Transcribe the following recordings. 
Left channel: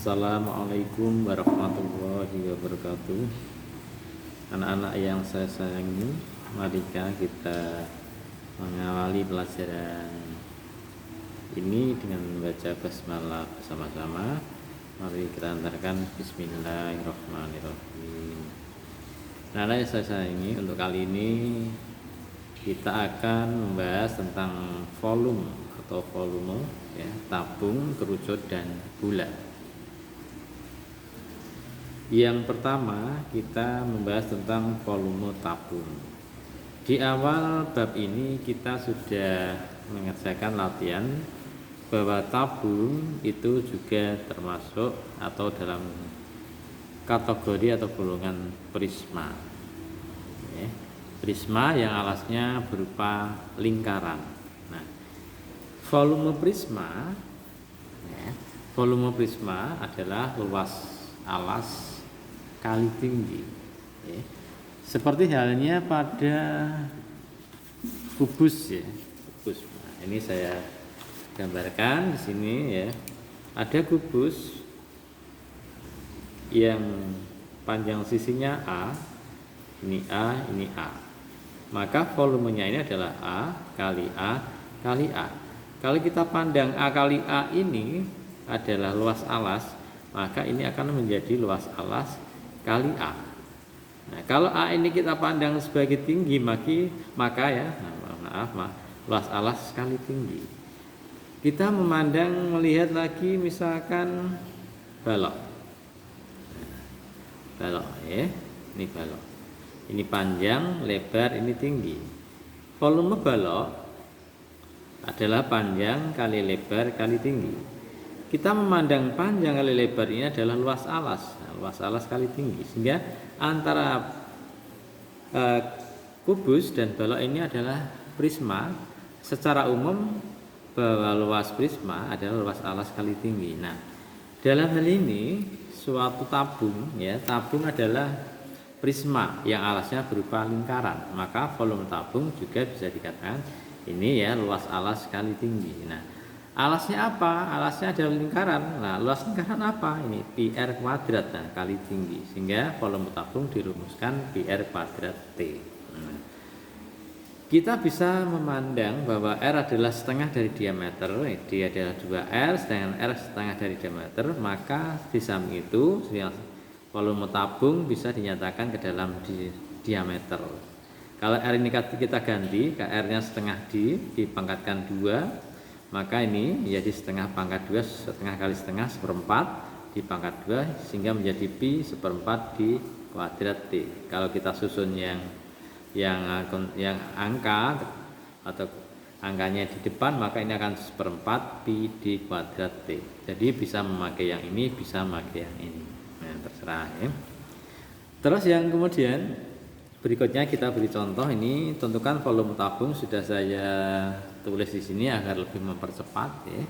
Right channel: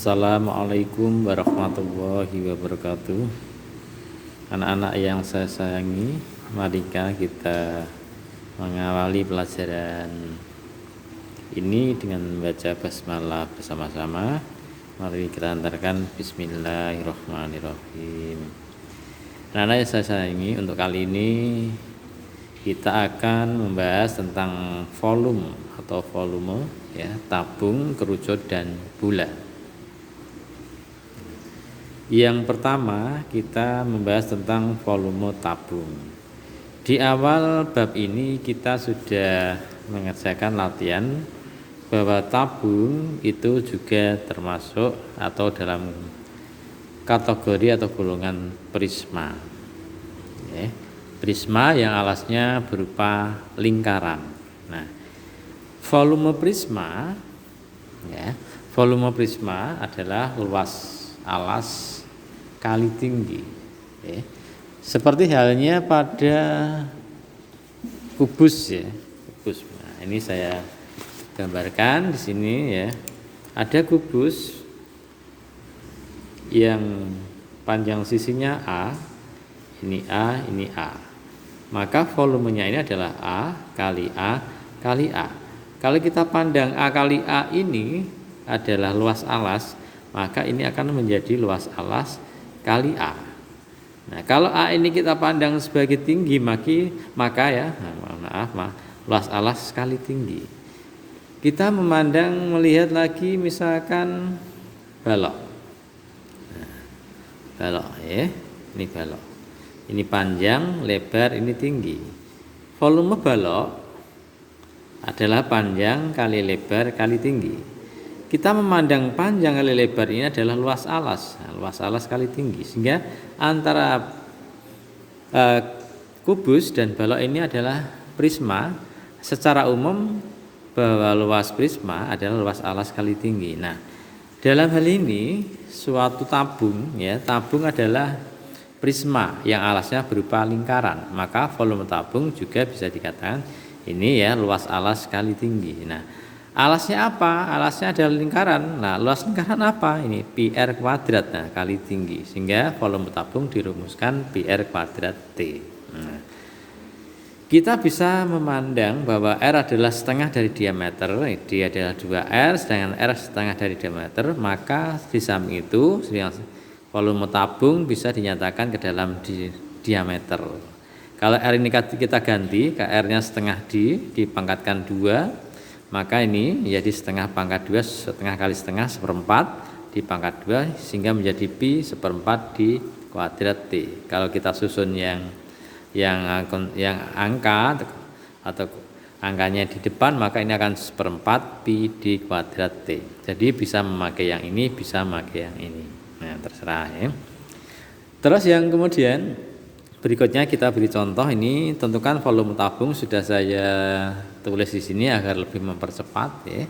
Assalamualaikum warahmatullahi wabarakatuh. Anak-anak yang saya sayangi, mari kita mengawali pelajaran ini dengan membaca basmalah bersama-sama. Mari kita antarkan bismillahirrahmanirrahim. Anak-anak yang saya sayangi, untuk kali ini kita akan membahas tentang volume atau volume ya, tabung, kerucut dan bulat. Yang pertama kita membahas tentang volume tabung. Di awal bab ini kita sudah mengerjakan latihan bahwa tabung itu juga termasuk atau dalam kategori atau golongan prisma. Prisma yang alasnya berupa lingkaran. Nah, volume prisma adalah luas alas kali tinggi, seperti halnya pada kubus ya. Kubus. Nah, ini saya gambarkan di sini ya. Ada kubus yang panjang sisinya A, ini A, ini A. Maka volumenya ini adalah A kali A kali A. Kalau kita pandang A kali A ini adalah luas alas, maka ini akan menjadi luas alas kali A. Nah, kalau A ini kita pandang sebagai tinggi, maka luas alas kali tinggi. Kita melihat lagi misalkan balok. Nah, balok ya, ini balok. Ini panjang, lebar, ini tinggi. Volume balok adalah panjang kali lebar kali tinggi. Kita memandang panjang kali lebar ini adalah luas alas, luas alas kali tinggi, sehingga antara kubus dan balok ini adalah prisma. Secara umum bahwa luas prisma adalah luas alas kali tinggi. Nah, dalam hal ini suatu tabung ya, tabung adalah prisma yang alasnya berupa lingkaran, maka volume tabung juga bisa dikatakan ini ya luas alas kali tinggi. Nah, alasnya apa? Alasnya adalah lingkaran. Nah, luas lingkaran apa? Ini pi r kuadrat kali tinggi. Sehingga volume tabung dirumuskan pi r kuadrat T. Nah, kita bisa memandang bahwa R adalah setengah dari diameter. Dia adalah 2R, sedangkan R setengah dari diameter. Maka di samping itu volume tabung bisa dinyatakan ke dalam diameter. Kalau R ini kita ganti, ke R-nya setengah dipangkatkan 2. Maka ini menjadi setengah pangkat 2, setengah kali setengah seperempat dipangkat 2, sehingga menjadi pi seperempat di kuadrat T. Kalau kita susun yang angka atau angkanya di depan, maka ini akan seperempat pi di kuadrat T. Jadi bisa memakai yang ini, bisa memakai yang ini. Nah, terserah ya. Terus yang kemudian berikutnya kita beri contoh ini, tentukan volume tabung, sudah saya tulis di sini agar lebih mempercepat ya.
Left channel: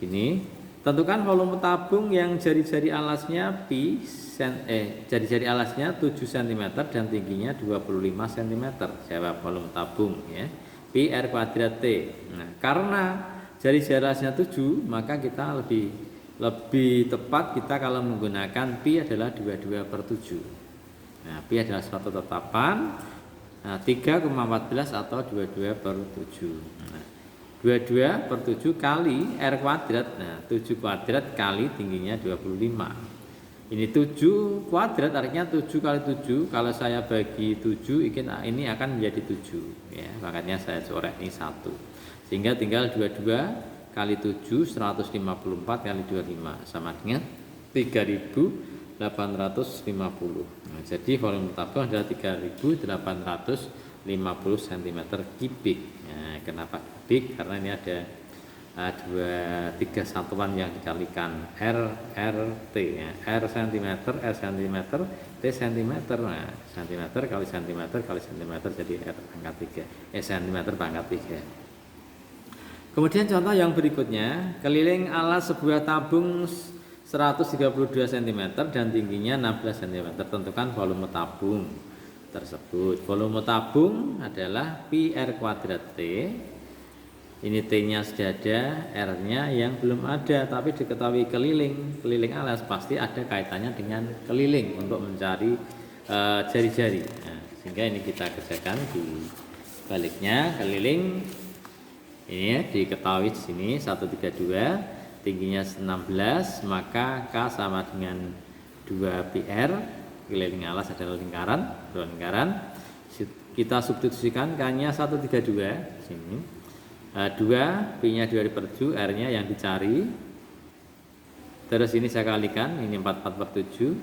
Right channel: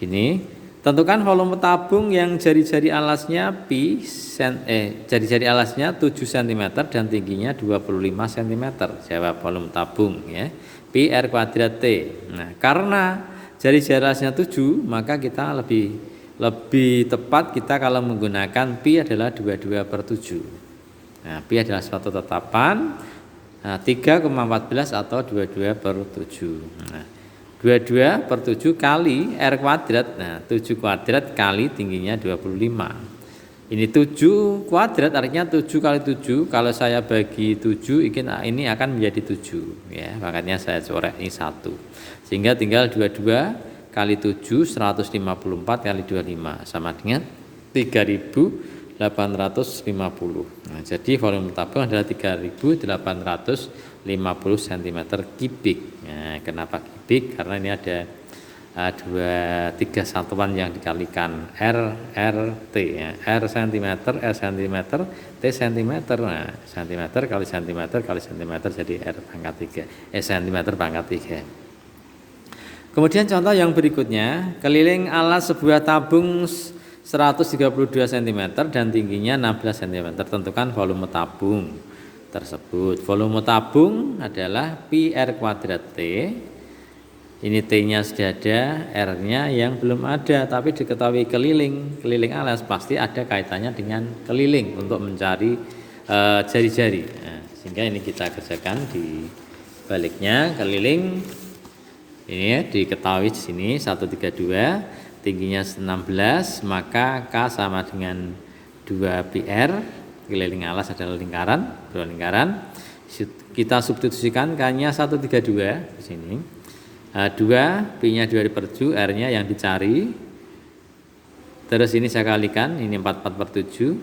Ini tentukan volume tabung yang jari-jari alasnya jari-jari alasnya 7 cm dan tingginya 25 cm. Jawab volume tabung ya. Pi r kuadrat T. Nah, karena jari-jari alasnya 7, maka kita lebih tepat kita kalau menggunakan pi adalah 22/7. Nah, pi adalah suatu tetapan 3,14 atau 22/7. Nah, 22/7 kali R kuadrat. Nah, 7 kuadrat kali tingginya 25. Ini 7 kuadrat artinya 7 kali 7. Kalau saya bagi 7, ini akan menjadi 7 ya. Makanya saya coret ini 1. Sehingga tinggal 22 kali 7 154 kali 25 sama dengan 3850. Nah, jadi volume tabung adalah 3850 cm3. Nah, kenapa kubik? Karena ini ada tiga satuan yang dikalikan, R T ya. R cm, T cm. Nah, cm kali cm kali cm jadi R pangkat 3. Cm pangkat 3. Kemudian contoh yang berikutnya, keliling alas sebuah tabung 132 cm dan tingginya 16 cm. Tentukan volume tabung tersebut. Volume tabung adalah pi r kuadrat T Ini T-nya sudah ada, R-nya yang belum ada, tapi diketahui keliling alas pasti ada kaitannya dengan keliling untuk mencari jari-jari. Nah, sehingga ini kita kerjakan di baliknya keliling. Ini ya, diketahui di sini 132, tingginya 16, maka K sama dengan 2πr, keliling alas adalah lingkaran, dua lingkaran. Kita substitusikan K-nya 132 di sini. 2, P-nya 2 diperju, R-nya yang dicari. Terus ini saya kalikan, ini 44/7.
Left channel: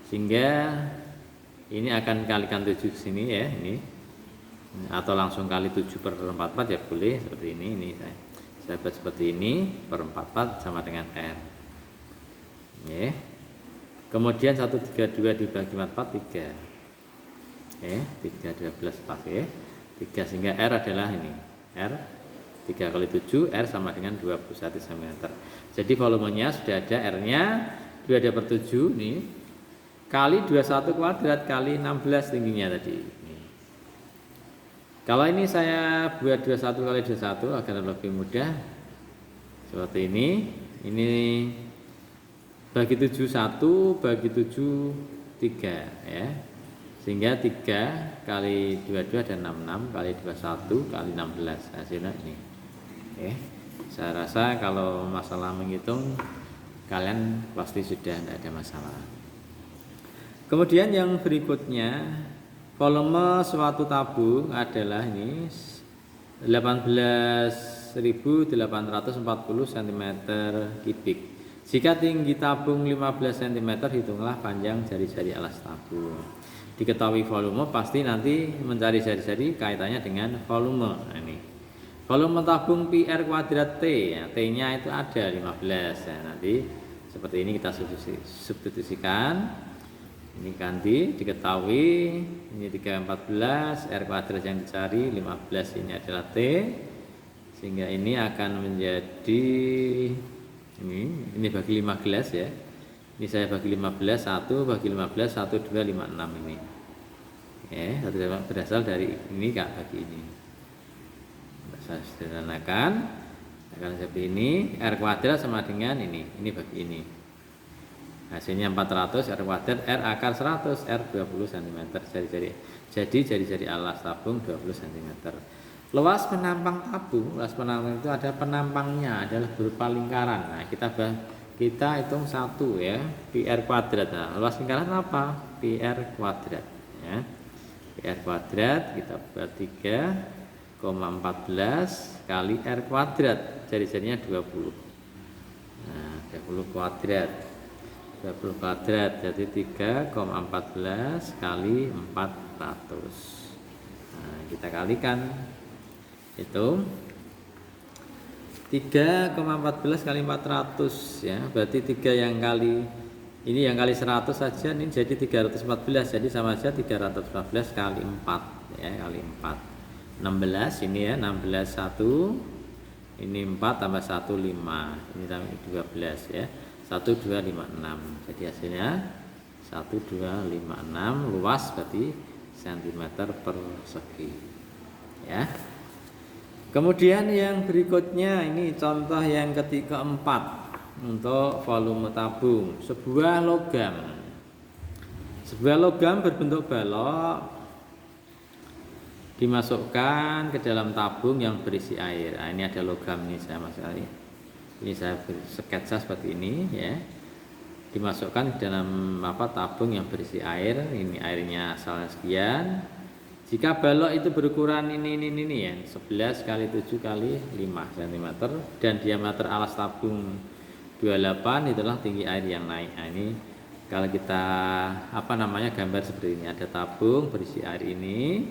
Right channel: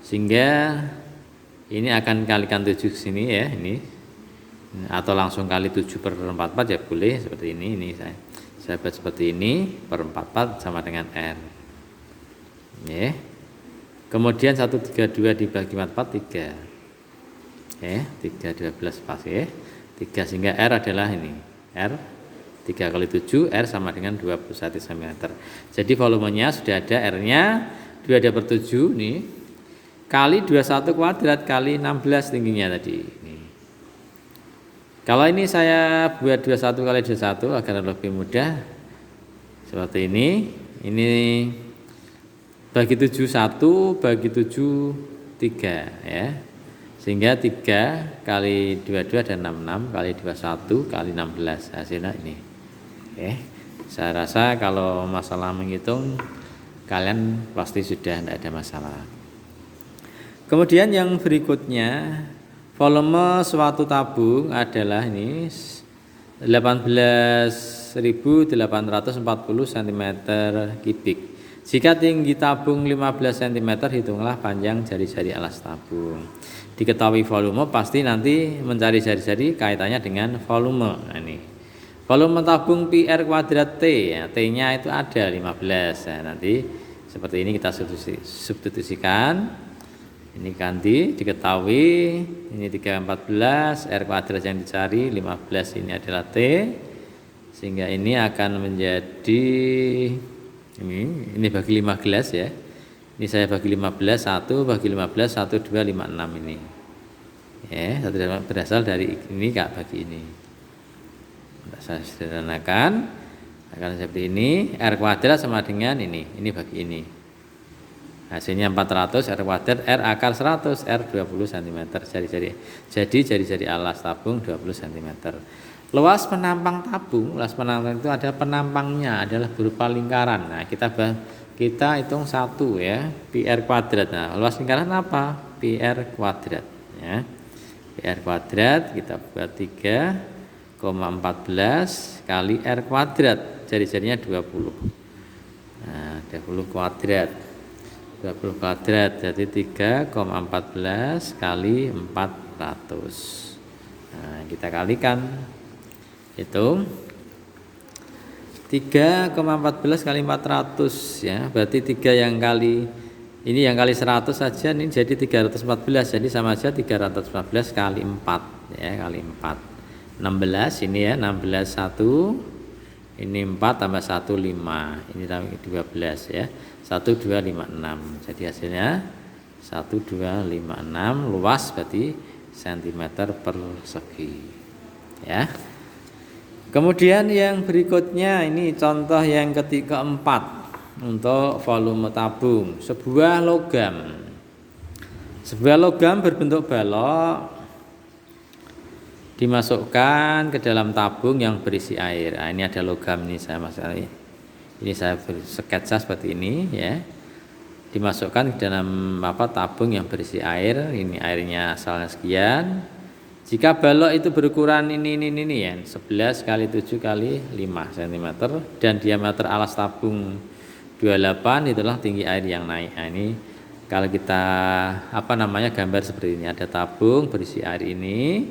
Sehingga ini akan kalikan 7 ke sini ya, ini. Atau langsung kali 7/44 ya boleh seperti ini. Ini saya buat seperti ini, per 44 sama dengan R. Ya. Kemudian 132 dibagi 44 3. Ya, 3 12 pas ya. 3 sehingga R adalah ini. R 3 kali 7, R sama dengan 21 cm. Jadi volumenya sudah ada, R-nya 2/7 nih, kali 21 kuadrat kali 16 tingginya tadi. Nih. Kalau ini saya buat 21 kali 21 agar lebih mudah, seperti ini bagi 7 1, bagi 7 3 ya. Sehingga 3 kali 22 dan 66 kali 21 kali 16 hasilnya ini. Oke, saya rasa kalau masalah menghitung kalian pasti sudah tidak ada masalah. Kemudian yang berikutnya, volume suatu tabung adalah ini 18.840 cm3. Jika tinggi tabung 15 cm, hitunglah panjang jari-jari alas tabung. Diketahui volume, pasti nanti mencari jari-jari kaitannya dengan volume. Nah, ini volume tabung PR kuadrat T ya, T-nya itu ada 15. Nah, nanti seperti ini kita substitusikan. Ini ganti, diketahui ini 314, R kuadrat yang dicari 15 ini adalah T. Sehingga ini akan menjadi ini bagi 5 gelas ya. Ini saya bagi 15, 1 bagi 15, 1 2 5 6 ini. Ya, berasal dari ini Kak bagi ini. Saya sederhanakan akan seperti ini, R kuadrat sama dengan ini bagi ini. Hasilnya 400, R kuadrat, R akar 100, R 20 cm. Jadi jari-jari alas tabung 20 cm. Luas penampang tabung, luas penampang itu ada penampangnya adalah berupa lingkaran. Nah, kita hitung 1 ya, PR kuadrat. Nah, luas lingkaran apa? PR kuadrat ya. PR kuadrat kita buat 3,14 kali R kuadrat, jari-jarinya 20. Nah, 20 kuadrat. 20 kuadrat jadi 3,14 kali 400. Nah, kita kalikan. Hitung 3,14 kali 400 ya. Berarti 3 yang kali ini yang kali 100 saja ini jadi 314. Jadi sama saja 314 kali 4 ya, kali 4. 16 ini ya, 16 1. Ini 4 tambah 1 5. Ini 12 ya. 1256. Jadi hasilnya 1256, luas berarti cm persegi. Ya. Kemudian yang berikutnya ini contoh yang keempat untuk volume tabung. Sebuah logam berbentuk balok dimasukkan ke dalam tabung yang berisi air. Nah, ini ada logam ini saya masukkan. Ini saya sketsa seperti ini ya. Dimasukkan ke dalam tabung yang berisi air. Ini airnya asalnya sekian. Jika balok itu berukuran ini ya, 11 kali 7 kali 5 cm dan diameter alas tabung 28, itulah tinggi air yang naik. Nah, ini kalau kita gambar seperti ini, ada tabung berisi air ini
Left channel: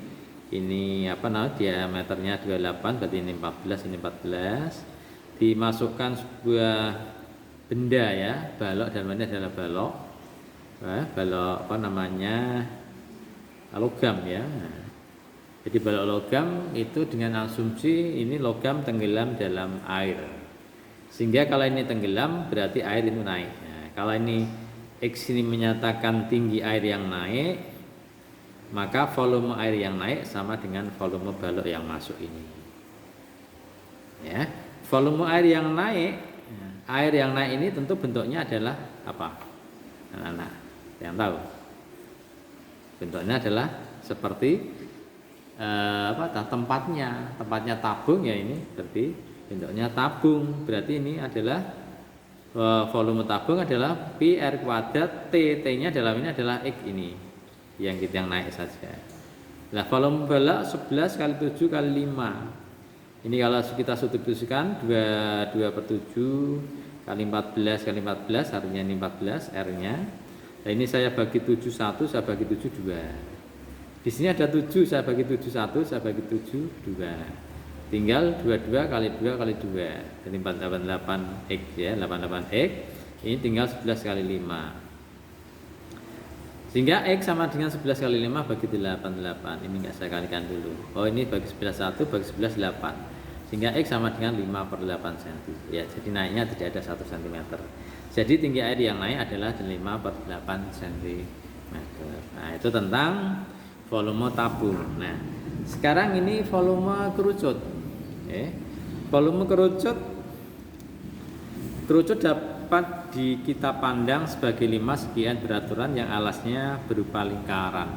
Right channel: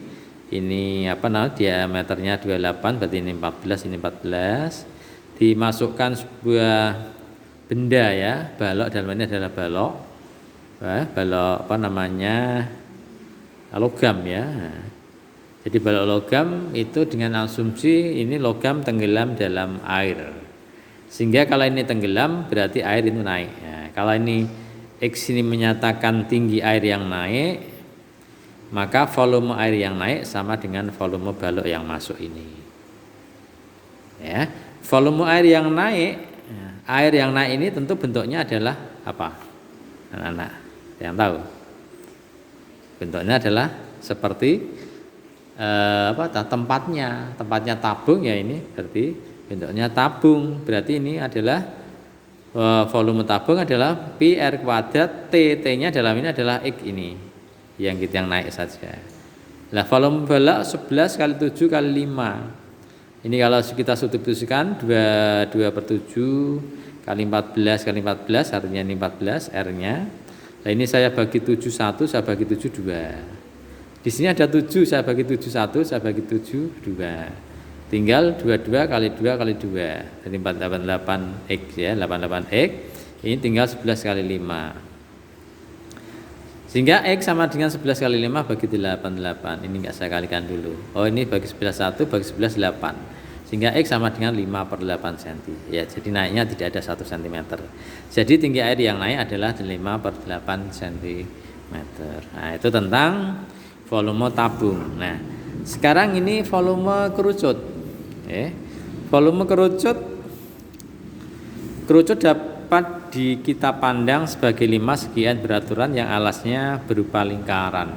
diameternya 28, berarti ini 14, ini 14. Dimasukkan sebuah benda ya, balok, dalam ini adalah balok. Balok logam ya. Jadi balok logam itu dengan asumsi ini logam tenggelam dalam air. Sehingga kalau ini tenggelam berarti air itu naik. Nah, kalau ini X ini menyatakan tinggi air yang naik, maka volume air yang naik sama dengan volume balok yang masuk ini. Ya, volume air yang naik, ya, air yang naik ini tentu bentuknya adalah apa? Anak-anak yang tahu. Bentuknya adalah seperti tempatnya tabung ya, ini berarti bentuknya tabung. Berarti ini adalah volume tabung adalah pi r kuadrat, T-nya dalam ini adalah X ini yang naik saja. Nah, volume balok 11 kali 7 kali 5. Ini kalau kita substitusikan 2/7 kali 14 kali 14 artinya ini 14 R-nya. Nah, ini saya bagi 7 1, saya bagi 7 2. Di sini ada 7, saya bagi 7 1, saya bagi 7 2. Tinggal 22 kali 2 kali 2. Jadi 488 X ya, 88 X. Ini tinggal 11 kali 5. Sehingga X sama dengan 11 kali 5 bagi 88. Ini enggak saya kalikan dulu. Oh, ini bagi 11 1, bagi 11 8. Sehingga X sama dengan 5/8 cm. Ya, jadi naiknya tidak ada 1 cm. Jadi tinggi air yang naik adalah 5/8 cm. Nah, itu tentang volume tabung. Nah, sekarang ini volume kerucut. Volume kerucut dapat kita pandang sebagai limas sekian beraturan yang alasnya berupa lingkaran.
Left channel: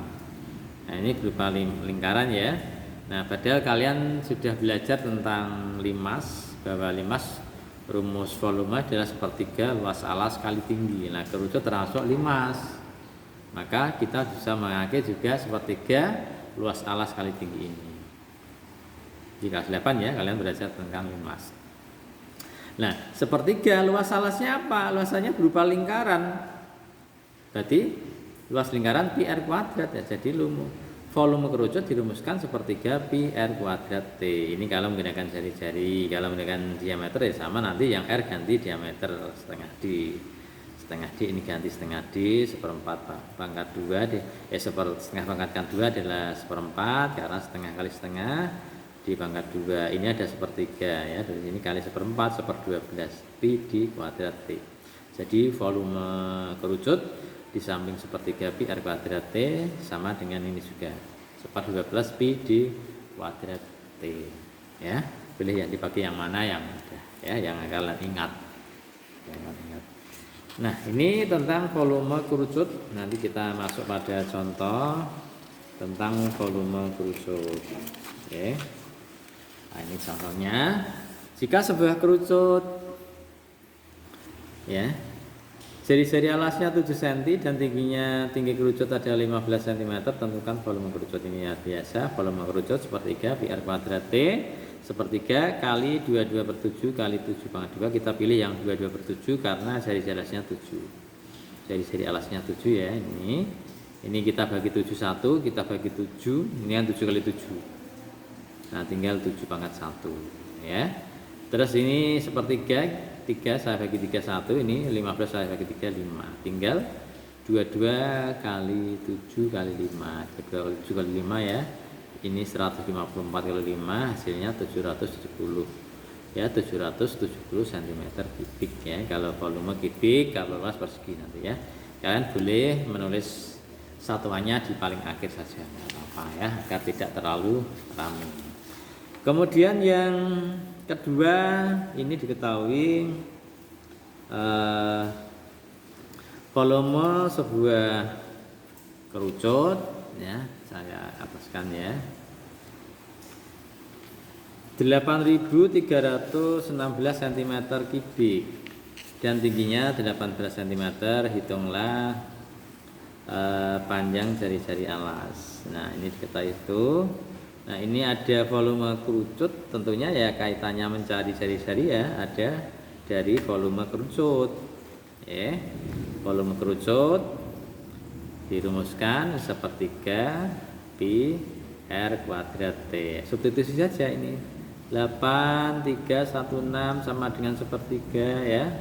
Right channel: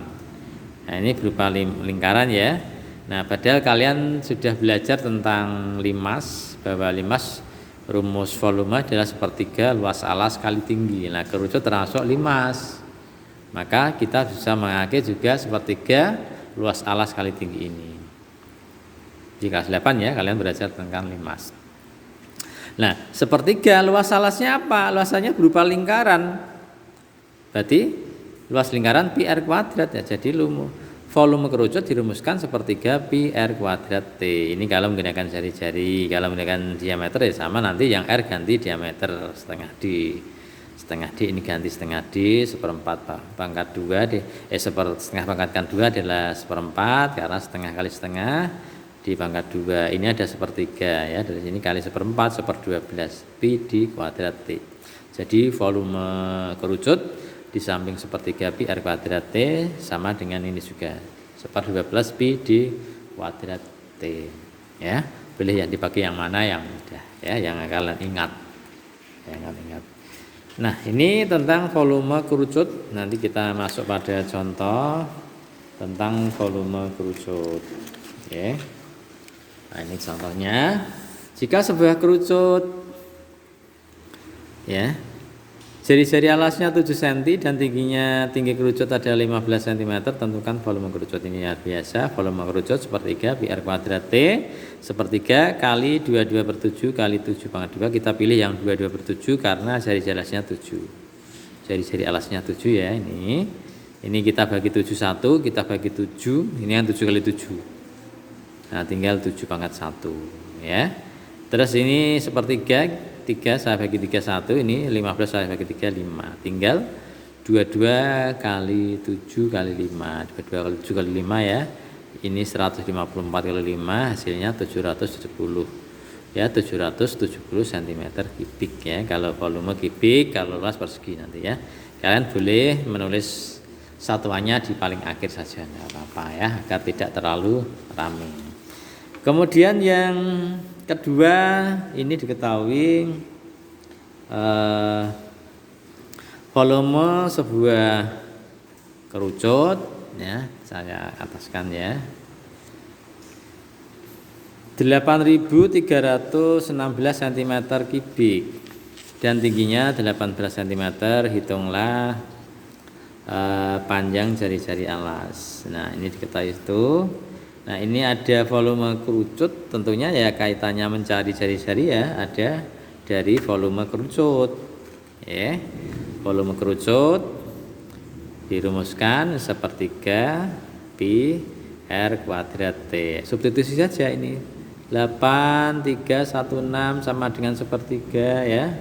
Nah, ini berupa lingkaran ya. Nah, padahal kalian sudah belajar tentang limas, bahwa limas rumus volume adalah sepertiga luas alas kali tinggi. Nah, kerucut termasuk limas. Maka kita bisa memakai juga sepertiga luas alas kali tinggi ini. Di kelas 8 ya, kalian belajar tentang limas. Nah, sepertiga luas alasnya apa? Luasannya berupa lingkaran. Berarti luas lingkaran pi r kuadrat ya. Jadi volume kerucut dirumuskan sepertiga pi r kuadrat T. Ini kalau menggunakan jari-jari. Kalau menggunakan diameter ya sama, nanti yang R ganti diameter setengah D. Setengah D ini ganti setengah D, seperempat pangkat 2 D. Setengah pangkat 2 adalah seperempat, karena setengah kali setengah di pangkat 2 ini ada sepertiga ya, dari sini kali seperempat, 1/12 pi di kuadrat T. Jadi volume kerucut di samping sepertiga pi r kuadrat T sama dengan ini juga 1/12 pi di kuadrat T ya. Pilih yang dipakai yang mana yang mudah ya, yang kalian ingat. Nah, ini tentang volume kerucut. Nanti kita masuk pada contoh tentang volume kerucut. Oke. Nah, ini contohnya. Jika sebuah kerucut ya, jari-jari alasnya 7 cm dan tinggi kerucut ada 15 cm, tentukan volume kerucut. Ini ya biasa, volume kerucut sepertiga pi r kuadrat T, sepertiga kali 22/7 kali 7/2. Kita pilih yang 22/7 karena jari-jari alasnya 7. Jari-jari alasnya 7 ya, ini. Ini kita bagi 7 1, kita bagi 7, ini yang 7 kali 7. Nah, tinggal 7/1 ya. Terus ini sepertiga 3 saya bagi 3 1, ini 15 saya bagi 3 5. Tinggal 22 kali 7 kali 5. 22 kali 7 kali 5 ya. Ini 154 kali 5, hasilnya 770. Ya, 770 cm kubik ya. Kalau volume kubik, kalau luas persegi nanti ya. Kalian boleh menulis satuannya di paling akhir saja, enggak apa-apa ya, agar tidak terlalu ramai. Kemudian yang kedua, ini diketahui volume sebuah kerucut ya, saya ataskan ya, 8.316 cm kubik dan tingginya 18 cm. Hitunglah panjang jari-jari alas. Nah, ini diketahui itu. Nah, ini ada volume kerucut, tentunya ya kaitannya mencari jari-jari ya, ada dari volume kerucut ya. Volume kerucut dirumuskan sepertiga pi r kuadrat T. Substitusi saja ini, 8316 sama dengan sepertiga ya,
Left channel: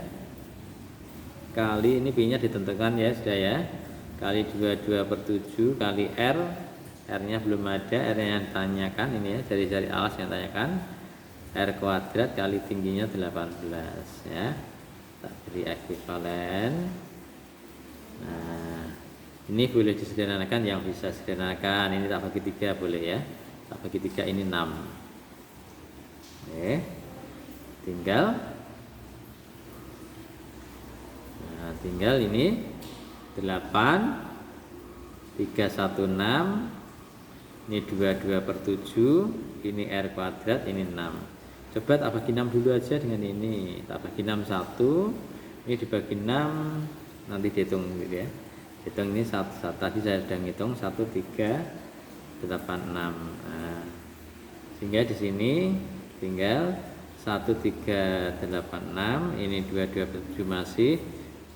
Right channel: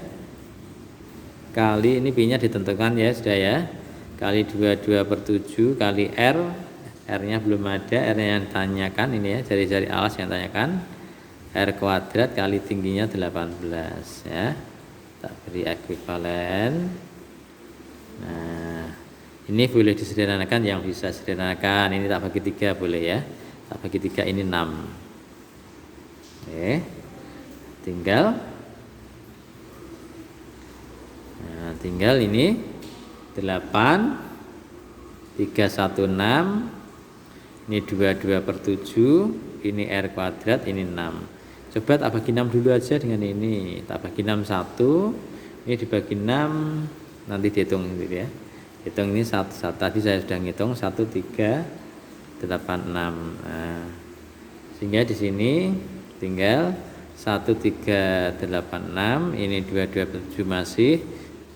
kali ini pi nya ditentukan ya sudah ya, kali 22/7 kali R. R-nya belum ada, R-nya yang tanyakan ini ya, jari-jari alas yang tanyakan, R kuadrat kali tingginya 18 ya. Tak beri ekuivalen. Nah, ini boleh disederhanakan, yang bisa sederhanakan ini tak bagi 3 boleh ya. Tak bagi 3 ini 6. Oke. tinggal ini 8 316, ini 22/7, ini R kuadrat, ini 6. Coba tak bagi 6 dulu aja dengan ini, tak bagi 6 1, ini dibagi 6, nanti dihitung gitu ya. Hitung ini satu, tadi saya sudah ngitung 1 3 8 6. Nah, sehingga di sini tinggal 1 3 8 6, ini 22/7 masih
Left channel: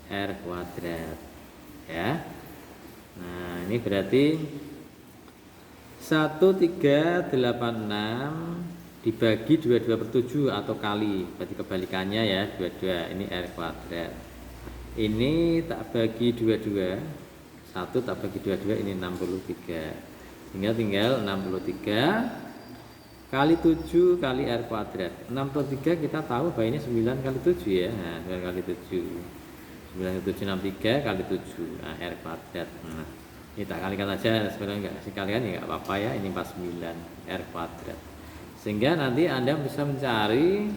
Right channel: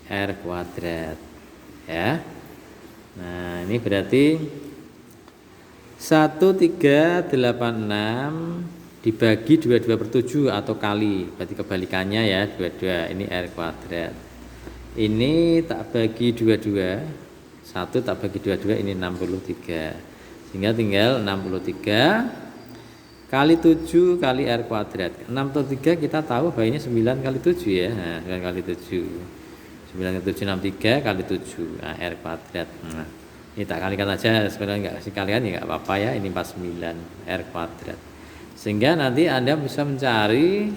R kuadrat ya. Nah, ini berarti 1386 dibagi 22/7 atau kali, berarti kebalikannya ya, 22, ini R kuadrat. Ini tak bagi 22, 1 tak bagi 22, ini 63. Sehingga tinggal 63 kali 7 kali R kuadrat. 63 kita tahu bahwa ini 9 kali 7 ya. Nah, 9 kali 7. 9 kali 7 63 kali 7. Nah, R kuadrat. Nah, ini tak kalikan aja, sebenarnya enggak kasih kalian ya enggak apa-apa ya. Ini 49 R kuadrat. Sehingga nanti Anda bisa mencari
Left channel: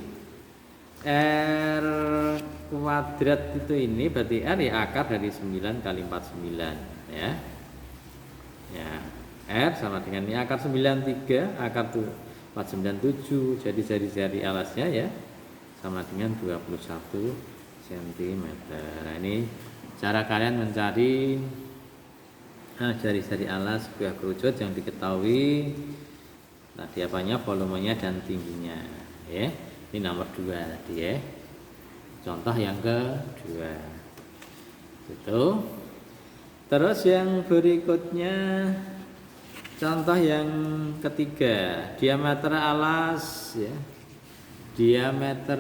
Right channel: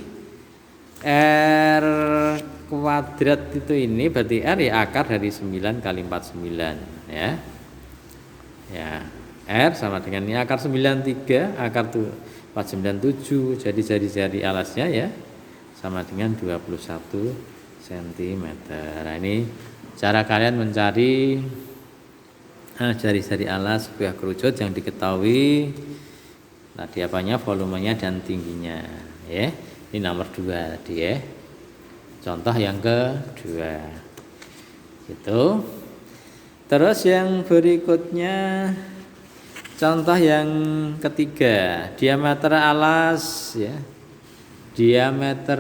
R kuadrat itu, ini berarti R ya akar dari 9 kali 49 ya. Ya, R sama dengan ini akar 93, akar tuh 497, jadi jari-jari alasnya ya sama dengan 21 cm. Nah, ini cara kalian mencari jari-jari alas sebuah kerucut yang diketahui tadi apanya, volumenya dan tingginya ya. Ini nomor 2 tadi ya. Contoh yang kedua gitu. Terus yang berikutnya contoh yang ketiga, diameter alas ya. Diameter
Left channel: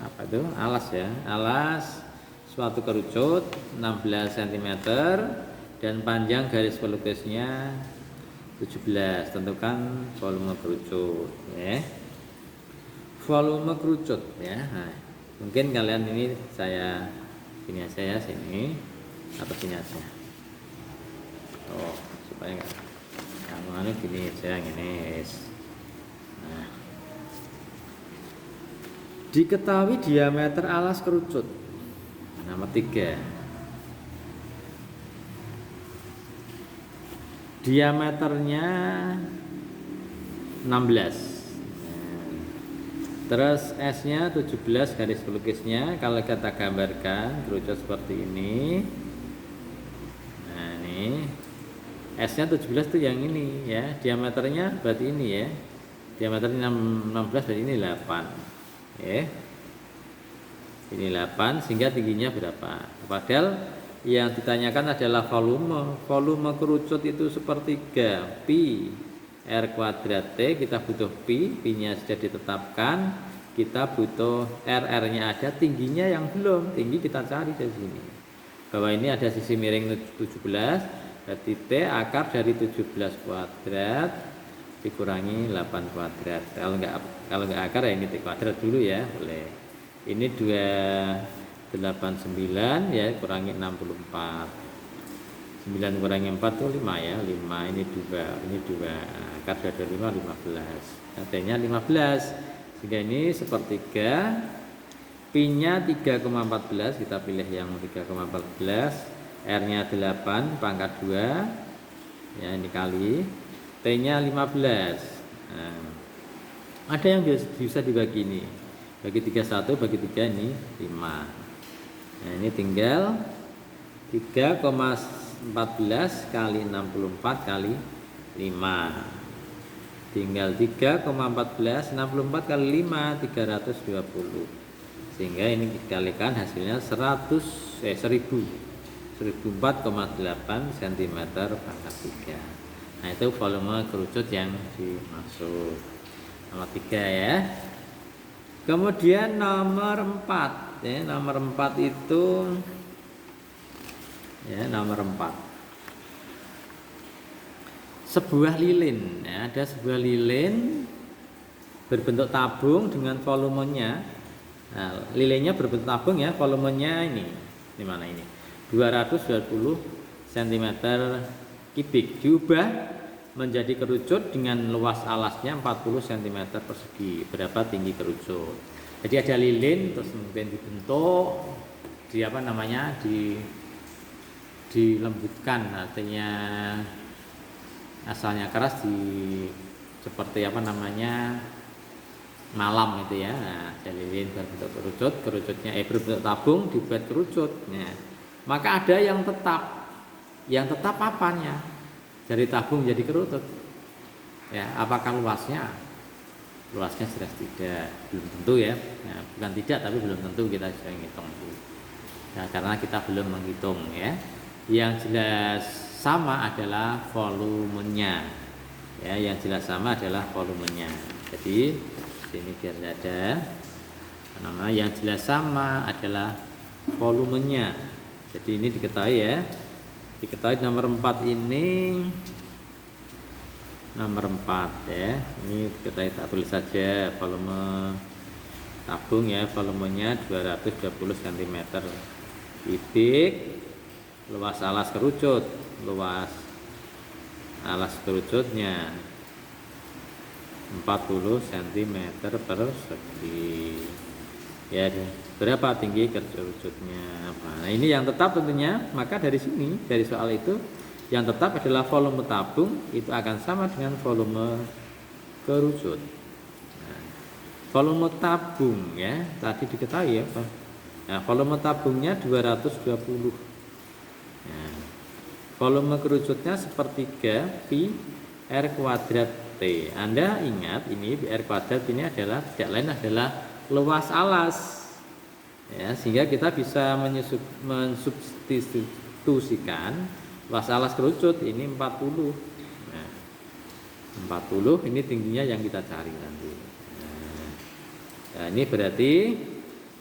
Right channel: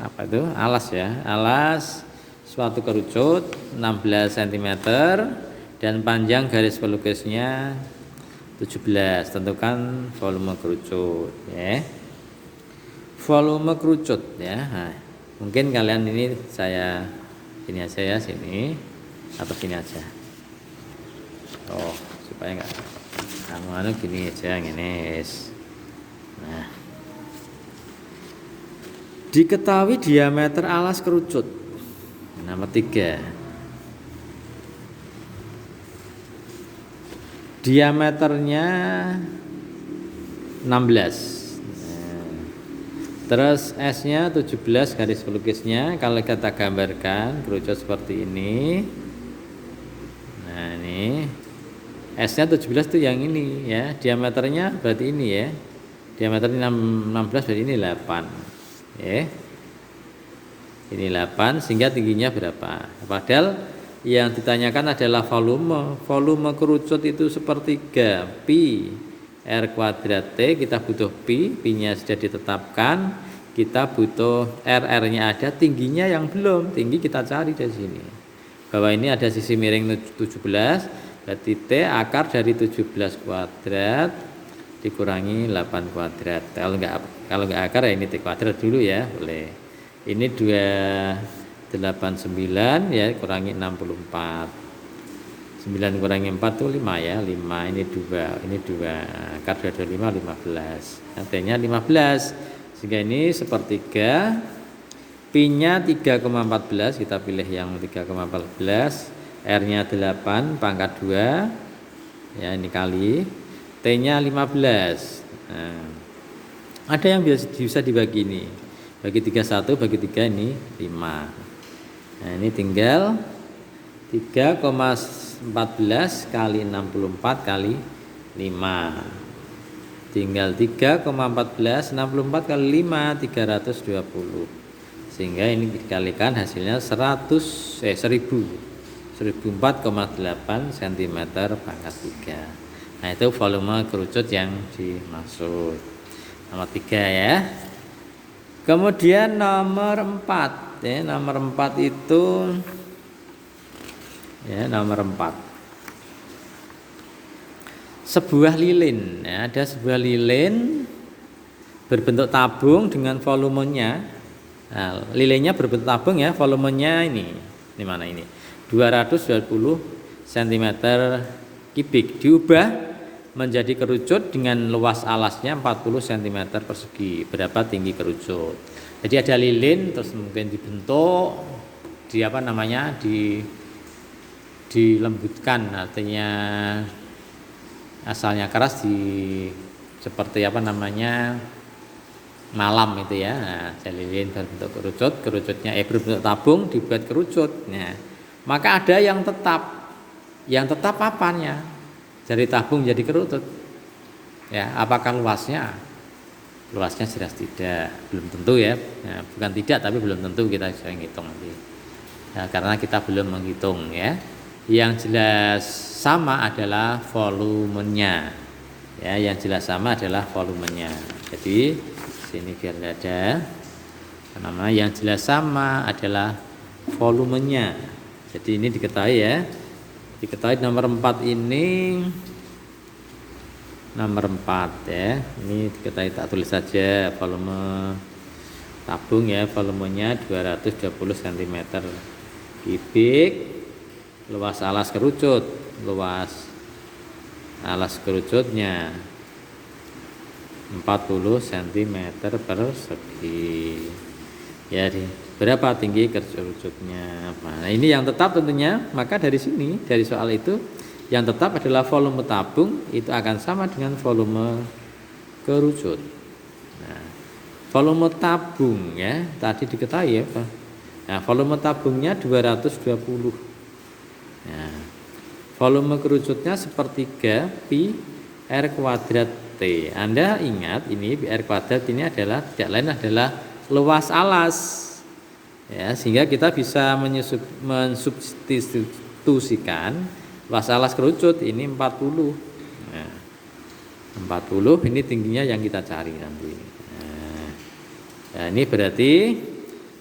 apa itu? Alas ya. Alas suatu kerucut 16 cm dan panjang garis pelukisnya 17. Tentukan volume kerucut ya. Volume kerucut ya. Nah, mungkin kalian ini saya ini aja ya, sini atau sini aja. Oh, supaya enggak anu gini aja ngene. Nah, diketahui diameter alas kerucut. Nomor 3. Diameternya 16. Terus S-nya 17 garis pelukisnya. Kalau kita gambarkan kerucut seperti ini. Nah, ini S-nya 17 itu yang ini ya. Diameternya berarti ini ya. Diameter 16 berarti ini 8. Ya. Ini 8, sehingga tingginya berapa? Padahal yang ditanyakan adalah volume. Volume kerucut itu sepertiga pi R kuadrat T. Kita butuh pi, pi-nya sudah ditetapkan. Kita butuh R-nya ada, tingginya yang belum. Tinggi kita cari dari sini. Bahwa ini ada sisi miring 17, berarti T akar dari 17 kuadrat dikurangi 8 kuadrat. Kalau enggak akar ya ini T kuadrat dulu ya, boleh. Ini 289 ya, kurangi 64. 9 kurangi 4 itu 5 ya, 5. Ini 2, ini 2. Akar 25 15. T-nya 15. Sehingga ini sepertiga. Pi-nya 3,14, kita pilih yang 3,14. R-nya 8 pangkat 2. Ya, ini kali. T-nya 15. Nah, ada yang bisa dibagi ini. Bagi 31, bagi 3 ini 5. Nah, ini tinggal 3,14 kali 64 kali 5. Tinggal 3,14 64 kali 5 320. Sehingga ini dikalikan hasilnya 1004,8 cm pangkat 3. Nah, itu volume kerucut yang dimaksud. Nomor 3 ya. Kemudian nomor 4 ya, nomor 4 itu ya, nomor 4. Sebuah lilin ya, ada sebuah lilin berbentuk tabung dengan volumenya. Nah, lilinnya berbentuk tabung ya, volumenya ini mana ini? 220 cm kubik diubah menjadi kerucut dengan luas alasnya 40 cm persegi. Berapa tinggi kerucut? Jadi ada lilin terus mungkin dibentuk di apa namanya dilembutkan, artinya asalnya keras seperti apa namanya malam itu ya. Nah, lilin berbentuk kerucut, kerucutnya berbentuk tabung dibuat kerucut. Nah, maka ada yang tetap. Yang tetap apanya? Dari tabung jadi kerucut. Ya, apakah luasnya? Luasnya jelas tidak, belum tentu ya. Nah, bukan tidak tapi belum tentu, kita bisa menghitung nanti. Nah, karena kita belum menghitung ya. Yang jelas sama adalah volumenya. Ya, yang jelas sama adalah volumenya. Jadi sini biar ada nama yang jelas sama adalah volumenya. Jadi ini diketahui ya. Diketahui nomor 4 ini. Nomor 4 ya. Ini diketahui, tak tulis saja volume tabung ya, volumenya 220 cm kubik. Luas alas kerucut, luas alas kerucutnya 40 cm persegi. Ya, berapa tinggi kerucutnya? Nah, ini yang tetap tentunya, maka dari sini, dari soal itu yang tetap adalah volume tabung itu akan sama dengan volume kerucut. Nah, volume tabung ya, tadi diketahui ya, Pak. Nah, volume tabungnya 220. Nah, volume kerucutnya sepertiga pi r kuadrat T. Anda ingat ini pi r kuadrat ini adalah tidak lain adalah luas alas. Ya, sehingga kita bisa mensubstitusikan luas alas kerucut ini 40. Nah, 40 ini tingginya yang kita cari nanti. Nah, ini berarti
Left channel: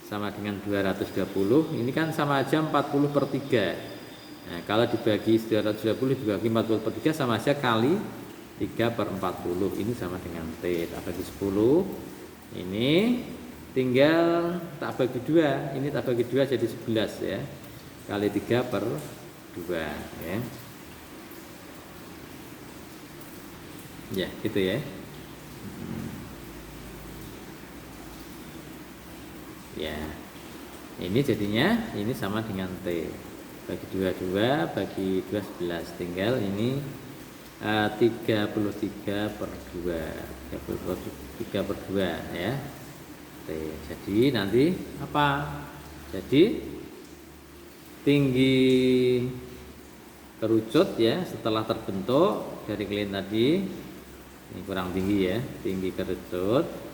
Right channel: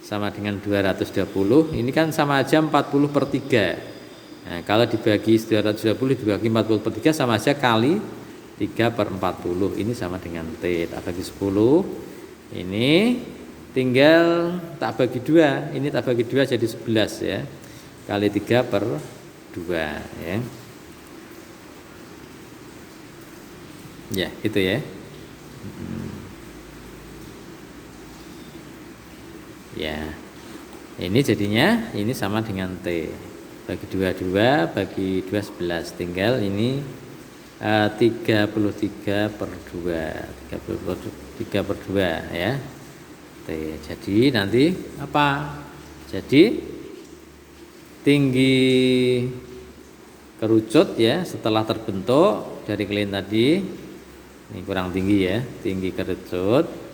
sama dengan 220. Ini kan sama aja 40 per 3. Nah, kalau dibagi 220 dibagi 40 per 3 sama aja kali 3 per 40. Ini sama dengan T. Tak bagi 10. Ini tinggal tak bagi 2. Ini tak bagi 2 jadi 11 ya. Kali 3 per 2 ya. Ya, gitu ya. Ya. Ini jadinya ini sama dengan T. Bagi 2 bagi 2 11, tinggal ini 33 per 2, 33 per 2 ya. Jadi nanti apa? Jadi tinggi kerucut ya setelah terbentuk dari lilin tadi, ini kurang tinggi ya, tinggi kerucut.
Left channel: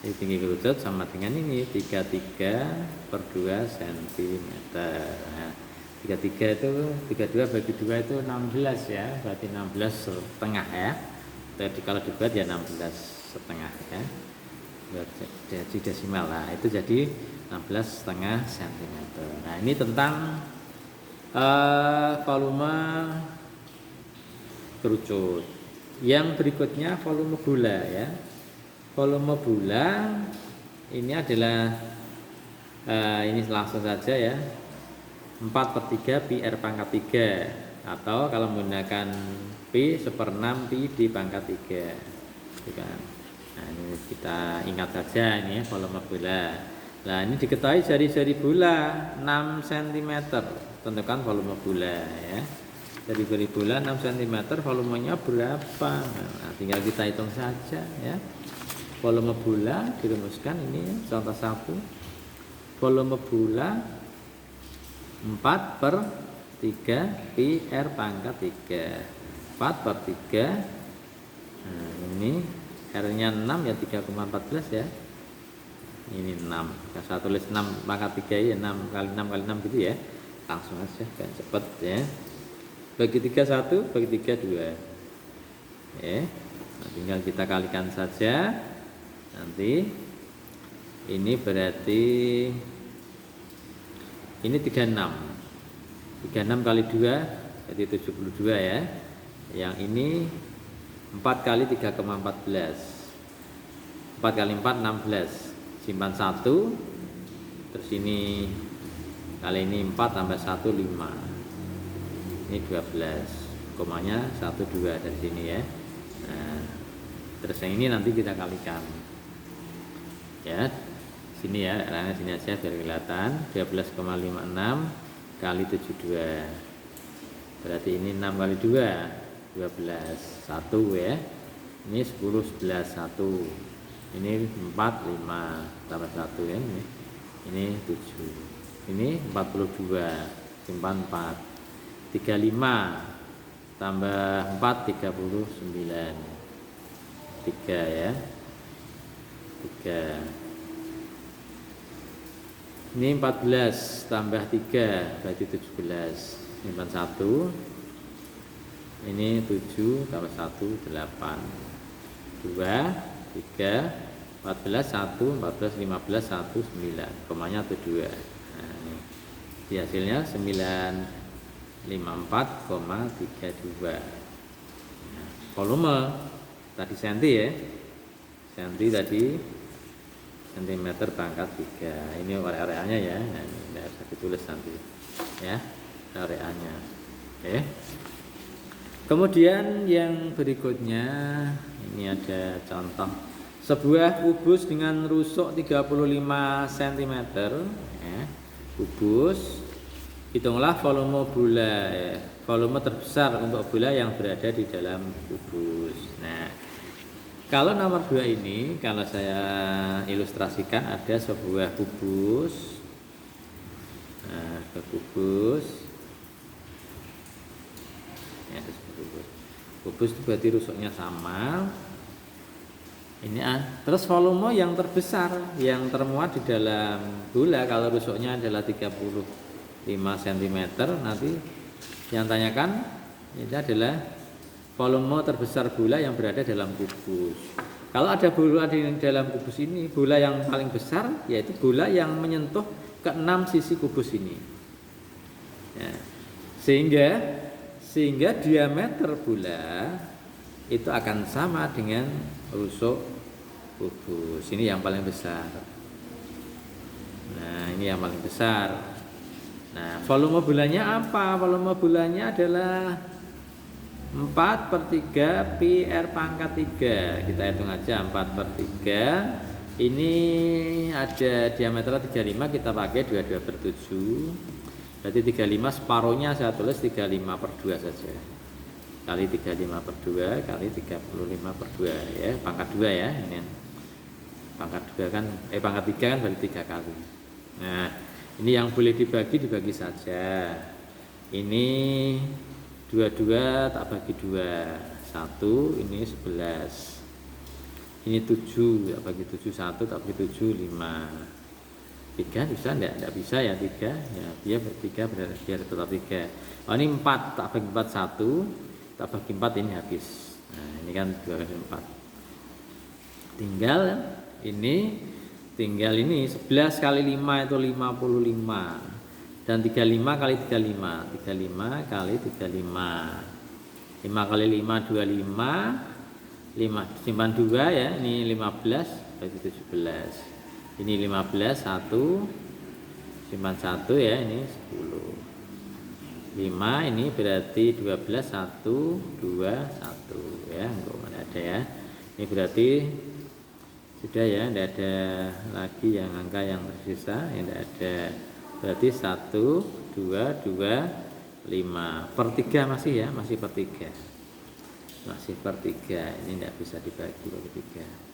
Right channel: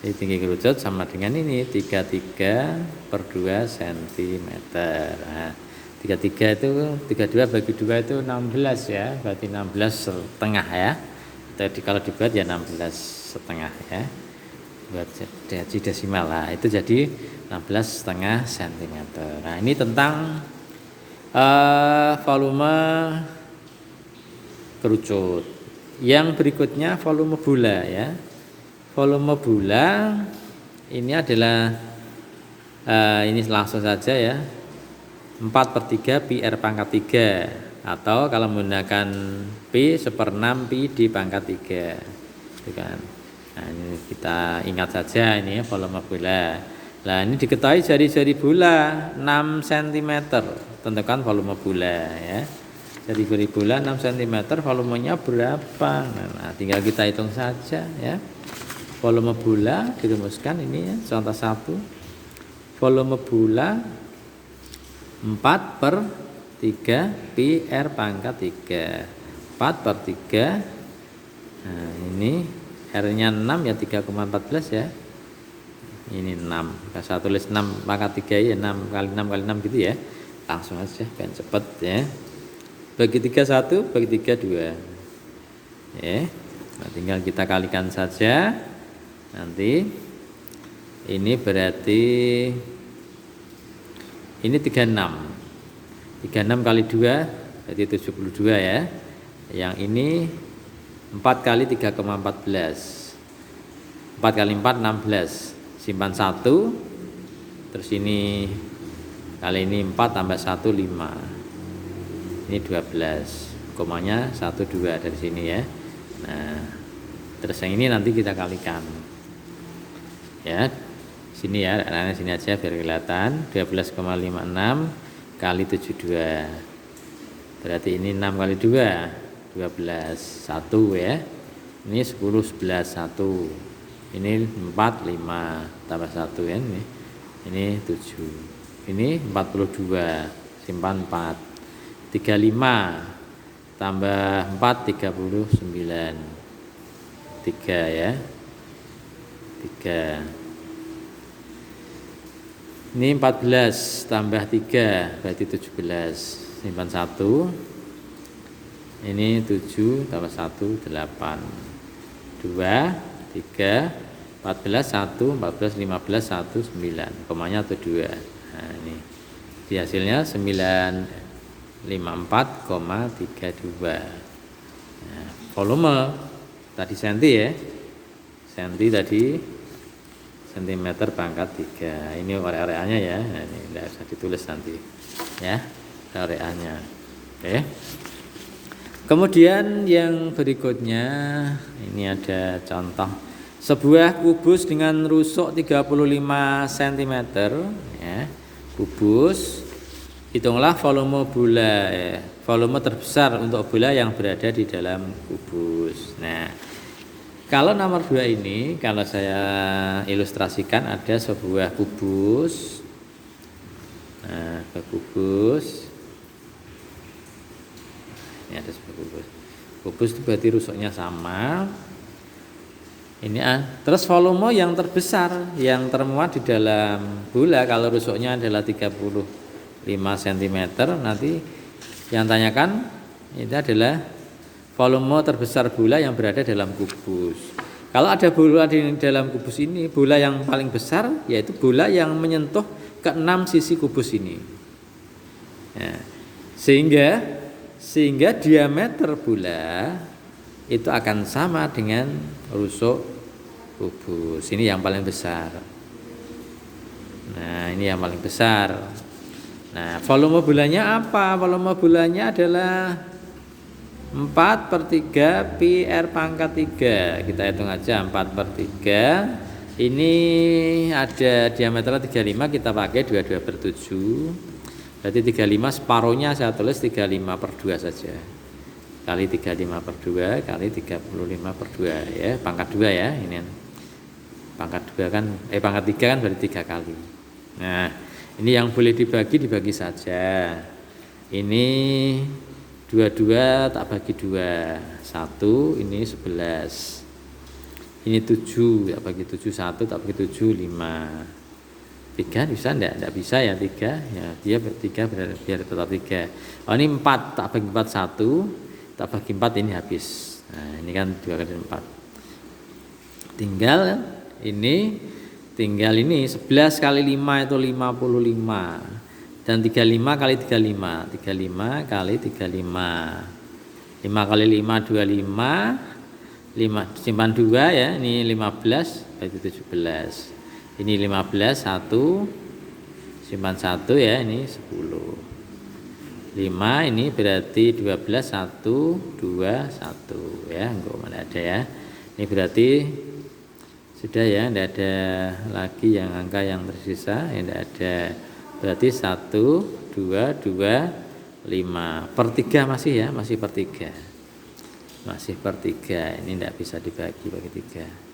Jadi tinggi kerucut sama dengan ini 33 per 2 cm. Nah, 33 itu 32 bagi 2 itu 16 ya, berarti 16 setengah ya. Jadi kalau dibuat ya 16 setengah ya. Buat jadi desimal lah, itu jadi 16 setengah cm. Nah, ini tentang volume kerucut. Yang berikutnya volume bola ya. Volume bola ini adalah ini langsung saja ya, 4 per 3 pi r pangkat 3, atau kalau menggunakan pi 1/6 pi di pangkat 3 gitu kan. Nah, ini kita ingat saja ini ya, volume bola. Nah, ini diketahui jari-jari bola 6 cm, tentukan volume bola ya. Jari-jari bola 6 cm, volumenya berapa? Nah, tinggal kita hitung saja ya. Volume bola dirumuskan ini ya, contoh 1. Volume bola 4 per 3 pi r pangkat 3. 4 per 3. Nah, ini R-nya 6 ya, 3,14 ya. Ini 6. Kalau saya tulis 6 pangkat 3 ya, 6 kali 6 kali 6 gitu ya. Langsung aja kan cepet ya. Bagi 3 1, bagi 3 2. Ya. Nah, tinggal kita kalikan saja. Nanti ini berarti ini 36 kali 2 jadi 72 ya. Yang ini 4 kali 3,14, 4 kali 4 16, simpan 1, terus ini kali ini 4 tambah 1 5, ini 12, komanya 1 2 dari sini ya. Nah, terus yang ini nanti kita kalikan. Ya, sini ya, anak-anak sini aja biar kelihatan. 12,56 kali 72. Berarti ini 6 kali 2, 12, 1 ya. Ini 10, 11, 1. Ini 4, 5 tambah 1 ya. Ini 7. Ini 42, simpan 4. 35 tambah 4, 39. 3 ya. 3. Ini 14 tambah 3 berarti 17. Simpan 1. Ini 7 tambah 1, 8. 2, 3, 14, 1, 14, 15, 1, 9. Komanya atau 2. Nah, ini. Di hasilnya 954,32. Nah, volume tadi senti ya. Senti tadi sentimeter pangkat 3. Ini areanya ya. Nah, ini tidak usah ditulis nanti. Ya, areanya. Oke. Kemudian yang berikutnya ini ada contoh sebuah kubus dengan rusuk 35 cm ya. Kubus, hitunglah volume bola ya. Volume terbesar untuk bola yang berada di dalam kubus. Nah, kalau nomor 2 ini kalau saya ilustrasikan ada sebuah kubus. Nah, kubus. Ini ada sebuah kubus. Kubus itu berarti rusuknya sama. Ini terus volume yang terbesar yang termuat di dalam bola kalau rusuknya adalah 35 cm, nanti yang tanyakan ini adalah volume terbesar bola yang berada dalam kubus. Kalau ada bola di dalam kubus ini, bola yang paling besar yaitu bola yang menyentuh ke-6 sisi kubus ini. Ya, sehingga diameter bola itu akan sama dengan rusuk kubus. Ini yang paling besar. Nah, ini yang paling besar. Nah, volume bolanya apa? Volume bolanya adalah 4/3 pi R pangkat 3. Kita hitung aja 4/3. Ini ada diameternya 35, kita pakai 22/7. Berarti 35 separuhnya saya tulis 35/2 saja. Kali 35/2 kali 35/2 ya, pangkat 2 ya. Ini pangkat 2 kan pangkat 3 kan berarti 3 kali. Nah, ini yang boleh dibagi saja. Ini 22 tak bagi 2. 1 ini 11. Ini 7 tak bagi 7, 1 tak bagi 7, 5. 3 bisa enggak bisa ya 3 ya, dia bertiga biar tetap 3. Oh, ini 4 tak bagi 4, 1 tak bagi 4 ini habis. Nah, ini kan 2 kali 4. Tinggal ini 11 kali 5 itu 55. Dan 35 kali 35. 35 kali 35. 5 kali 5 25. 5 simpan 2 ya. Ini 15 berarti 17. Ini 15 1 simpan 1 ya, ini 10. 5 ini berarti 12 1 2 1 ya, enggak mana ada ya. Ini berarti sudah ya, tidak ada lagi yang angka yang tersisa, ya tidak ada. Berarti 1 2 2 5 per 3 masih ya, masih per 3. Masih per 3. Ini tidak bisa dibagi bagi 3.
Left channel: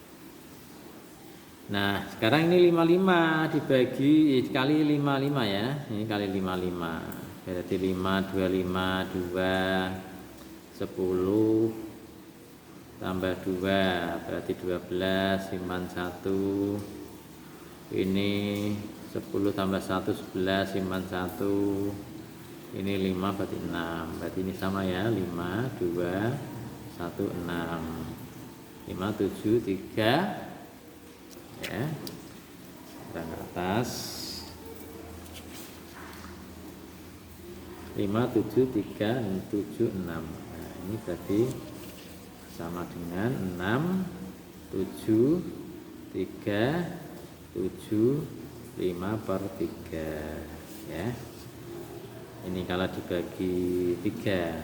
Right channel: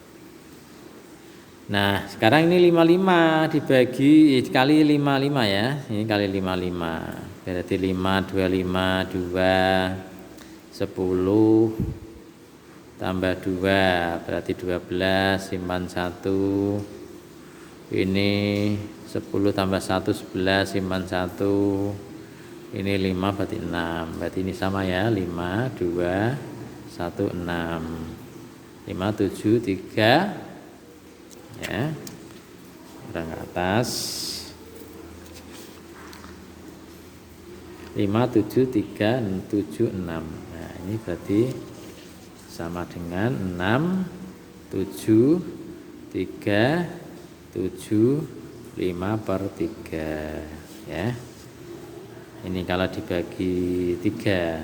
Nah, sekarang ini 55 dibagi kali 55 ya. Ini kali 55. Berarti 5 25 2 10 tambah 2 berarti 12 simpan 1. Ini 10 tambah 1 11 simpan 1. Ini 5 berarti 6. Berarti ini sama ya, 5 2 1 6. 5 7 3 ya, kurang ke atas 5 7 3 7 6. Nah, ini berarti sama dengan 6 7 3 7 5 per 3 ya. Ini kalau dibagi 3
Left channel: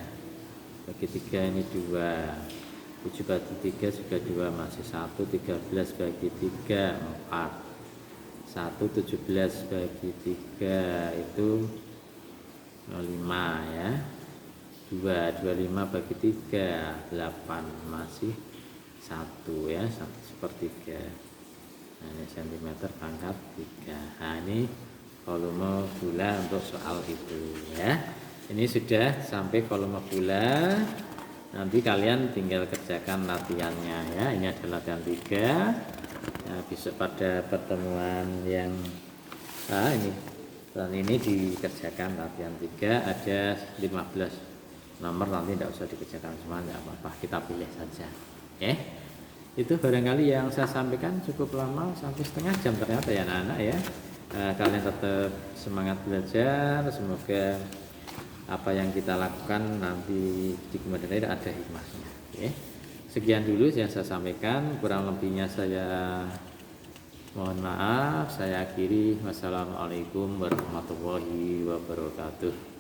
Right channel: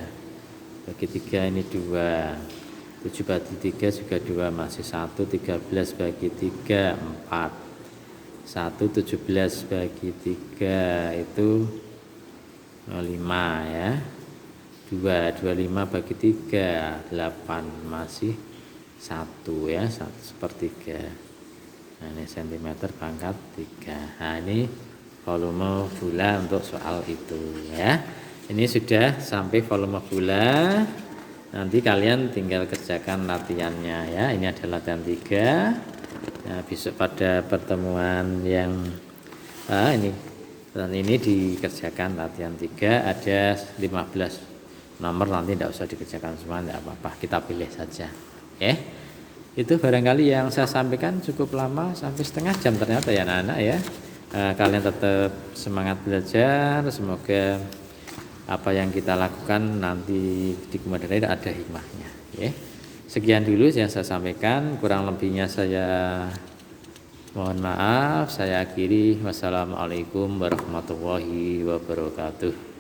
bagi 3 ini 2. 7 bagi 3 juga 2 masih 1. 13 bagi 3 4. 1 17 bagi 3 itu 5 ya. 2 25 bagi 3 8 masih 1 ya, 1/3. Nah ini cm pangkat 3. Nah ini volume bulan untuk soal itu ya. Ini sudah sampai volume bulan. Nanti kalian tinggal kerjakan latihannya ya. Ini adalah latihan 3. Nah, besok pada pertemuan yang ini dikerjakan latihan 3, ada 15 nomor, nanti tidak usah dikerjakan semua, tidak apa-apa, kita pilih saja ya. Itu barangkali yang saya sampaikan cukup lama, sampai setengah jam ternyata ya anak-anak ya. Kalian tetap semangat belajar, semoga apa yang kita lakukan nanti di kemudian hari ada hikmahnya ya. Sekian dulu yang saya sampaikan, kurang lebihnya saya mohon maaf. Saya akhiri, wassalamualaikum warahmatullahi wabarakatuh.